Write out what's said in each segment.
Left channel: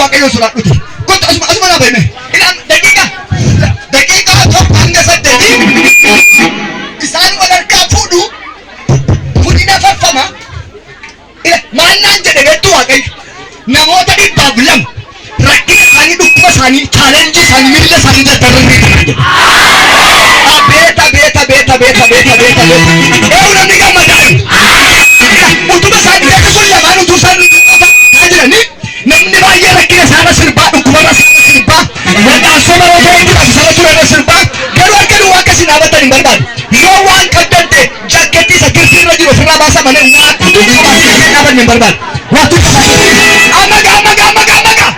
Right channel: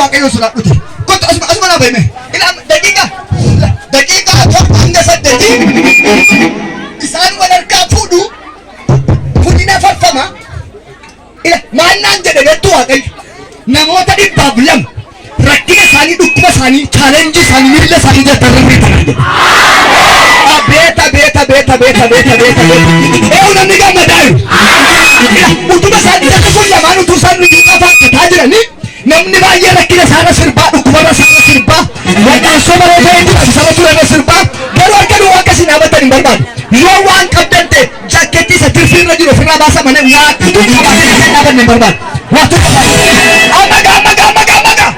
waaqayyo suraadhuti kottu asuma naa beeme ilaan daqiiqaa tokko hanga 8 isaan wal harkaa fuudhu fudhina farfama maannaan jedhe beektu waaqayyo namoota 200 rakkina isaanii dhukkuba isaanii chaalenjii isaanii miila isaanii jaltarranii kanaa jedhe eewu namni gammadaayu utuma isaanii akka kun lamaan utuu isaan kataa jiranii namni baay'ee rakkina isaarra sirbaa dhukkubarra isaarra sirbaa wadhaansa baroota eeguudhaaf isarra turerra sirbaa garuu arganu waan akkasii dhaabatan hin barbaadu yoo waan qabdan ta'e jaakkeettii isa kirsiirra jiru ofirraa baasa malee nyaatu dhaabanne hin barbaadu waatu ammagaa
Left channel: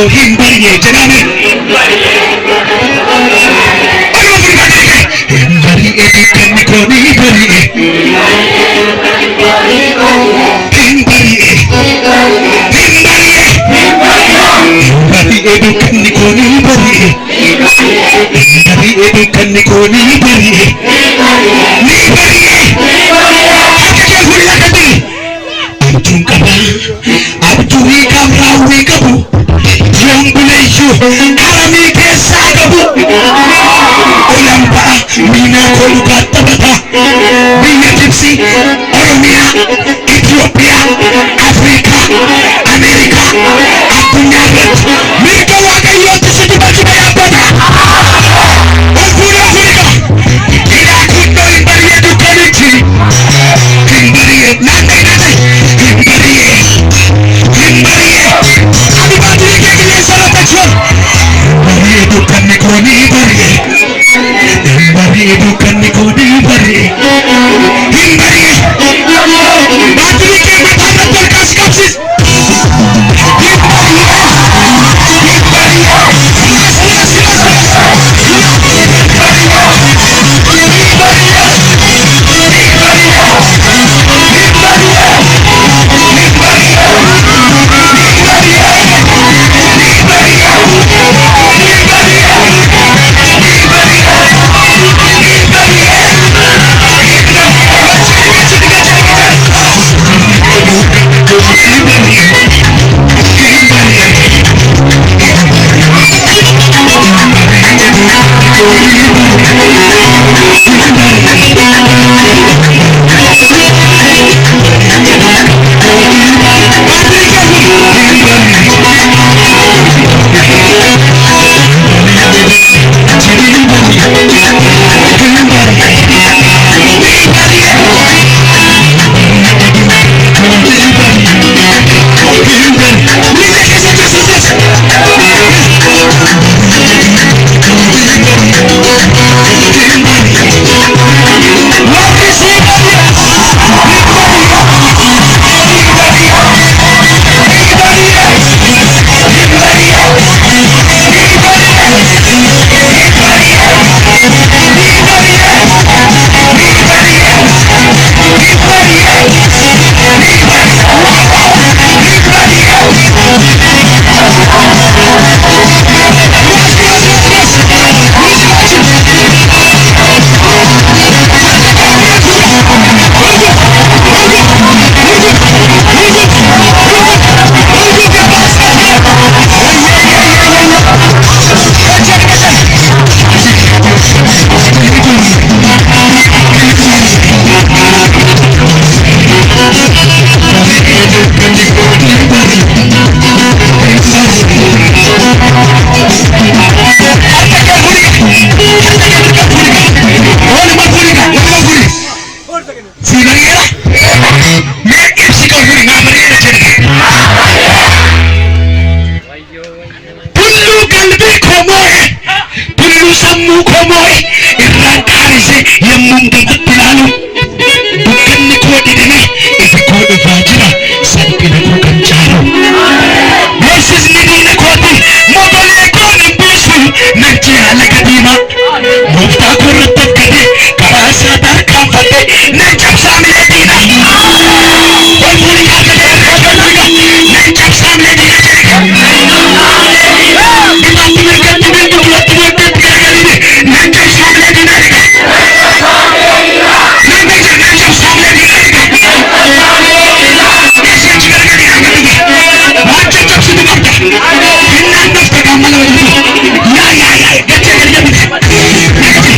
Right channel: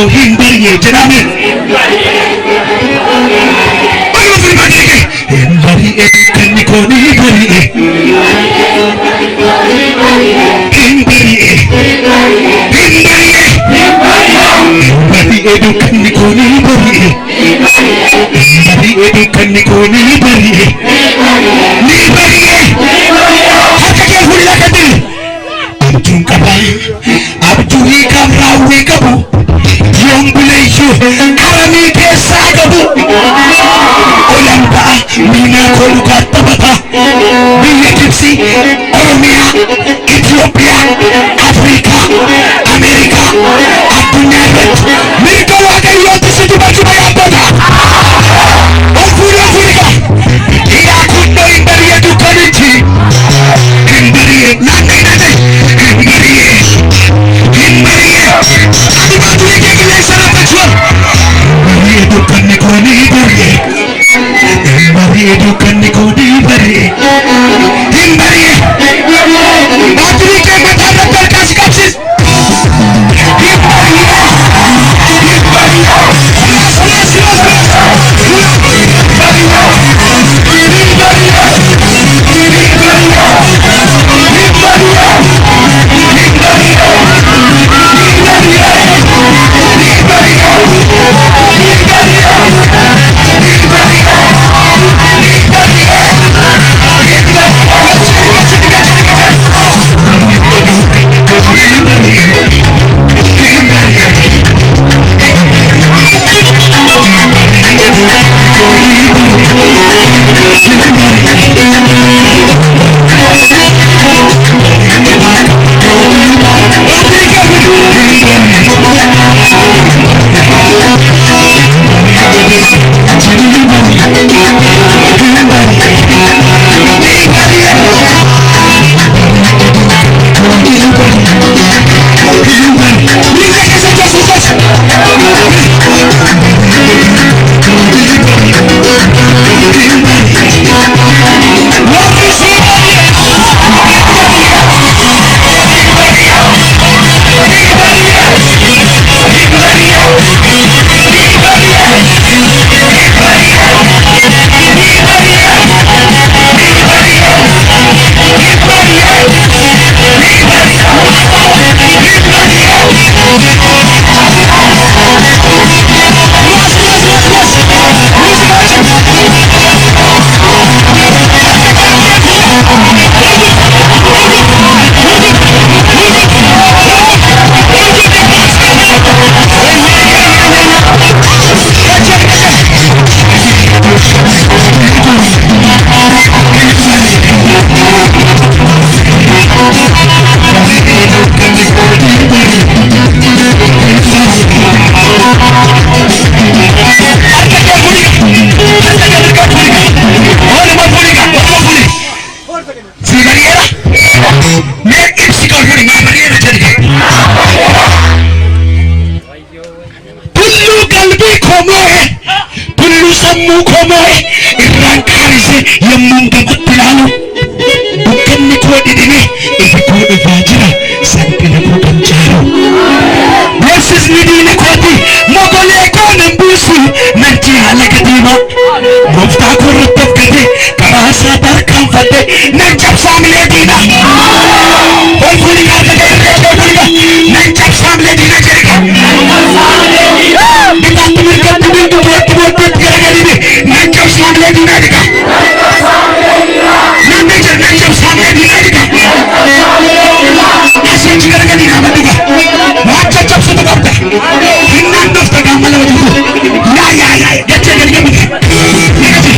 को हिंदरिए जनाबे हिंदरी कन्नी को नहीं भरिए हिंदरी हिंदरी कन्नी को नहीं भरिए हिंदरी कन्नी को नहीं भरिए Abduri kamrawi kabu yang buleju arami desa kabu oyamba mina kolukat tabata biya kipsi Oromia Ethiopia Afrika Amerika adunya mereka wakai yotu situ baju bayabada Afrika ila kuno imbariye dukanichi imbariye nandai bukan nikoni beri, Himbari bukan nikoni beri, Himbari yommuun gamatti ilaalu dukkanni koo didine ifi koo dhufaa jira salphina koo kan caalu. Beeksisni diina kooti mogolee koo nan biisu nan cihaa laga diimaa gooftaa koo irratti of gate karaa isaa tarkaanfadhe nan cabsaa milee diina. Ol fuudhi yaadate nan cabsaa milee diina jedhe. Bitaatti mirgatti mirga duratti booddeetti garagalini nan cabsaa milee diina jedhe. Namni jedhe nan cabsaa milee diina jedhe. Eessatti garagalina amadduga waan caccabsitu qabda hinnaan dhufta qaamala walitti yaa jecha gallee bite nagati.